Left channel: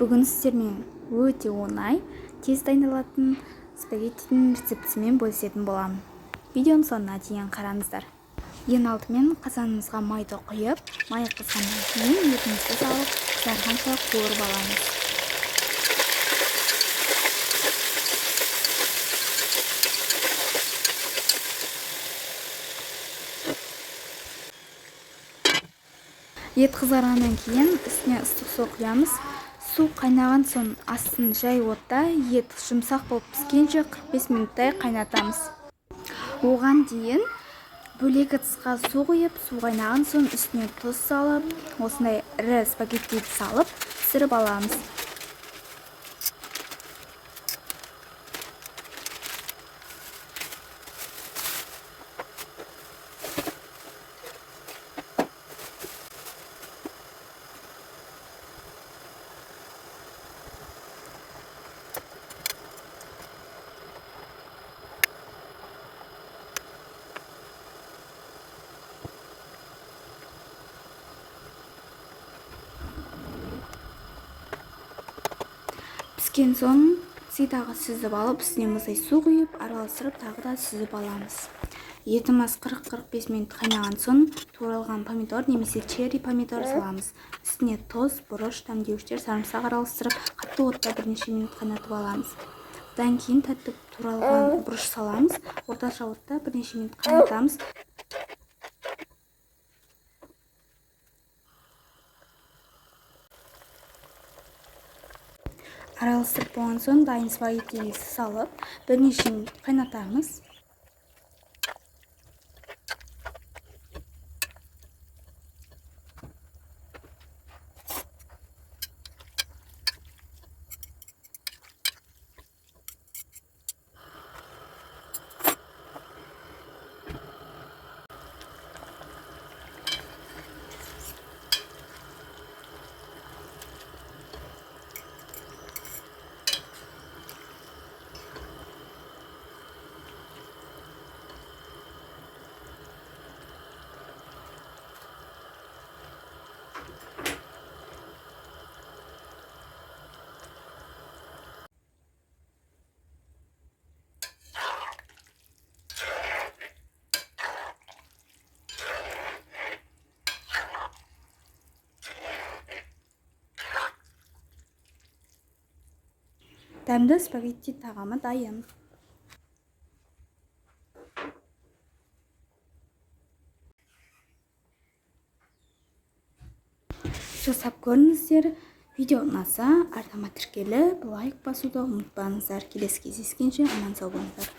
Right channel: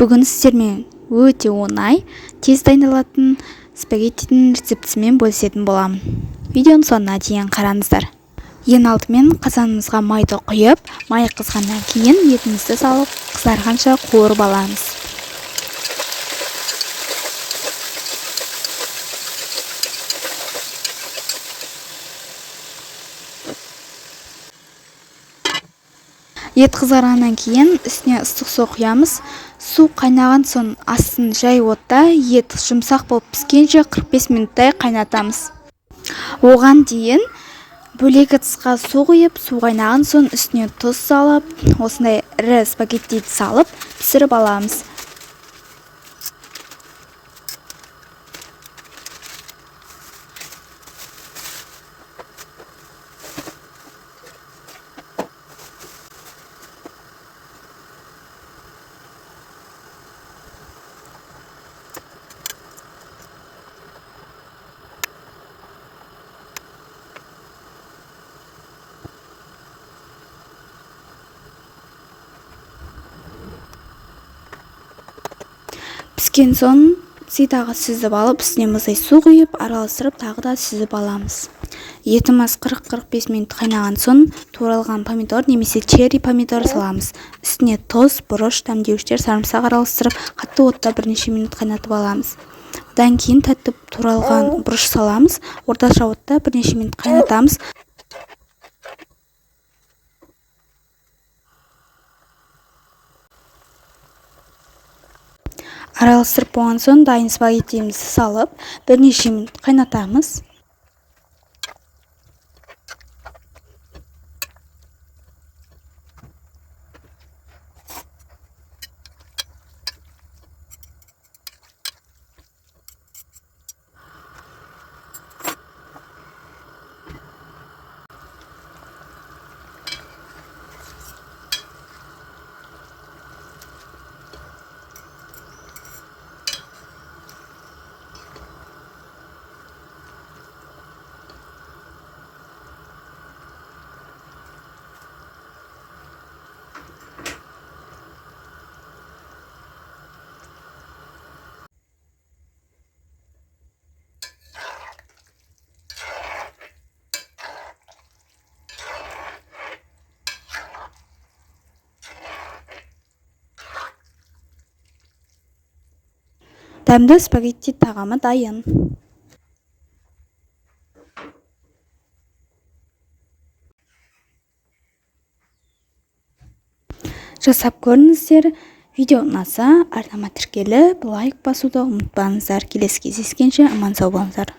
Бүгін сіздермен өте оңай, тез дайындалатын спагеттидің рецептісімен бөлісетін боламын. Видеоның соңына дейін қараңыздар. Ең алдымен қазанымызға майды құйып, май қызғаннан кейін етімізді салып, қызарғанша қуырып аламыз. Ет қызарғаннан кейін үстіне ыстық су құямыз. Су қайнаған соң астын жай отта ет жұмсақ болып піскенше 45 минуттай қайнатамыз. Оған дейін бөлек ыдысқа су құйып, су қайнаған соң үстіне тұз салып, осындай ірі спагеттиді салып пісіріп аламыз. Піскен соң сидағы сүзіп алып, үстіне мұздай су құйып, араластырып, тағы да сүзіп аламыз. Етіміз 40-45 минут қайнаған соң туралған помидор немесе черри помидор саламыз. Үстіне тұз, бұрыш, дәмдеуіштер, сарымсақ араластырып, қатты отта бірнеше минут қайнатып аламыз. Одан кейін тәтті туралған бұрыш саламыз. Орташа отта бірнеше минут қайнатамыз. Араластырып болған соң дайын спагеттиімізді салып, бірнеше минут қайнатамыз. Дәмді спагетти тағамы дайын. Жасап көріңіздер. Видео ұнаса, арнама тіркеліп, лайк басуды ұмытпаңыздар. Келесі кездескенше аман сау болыңыздар.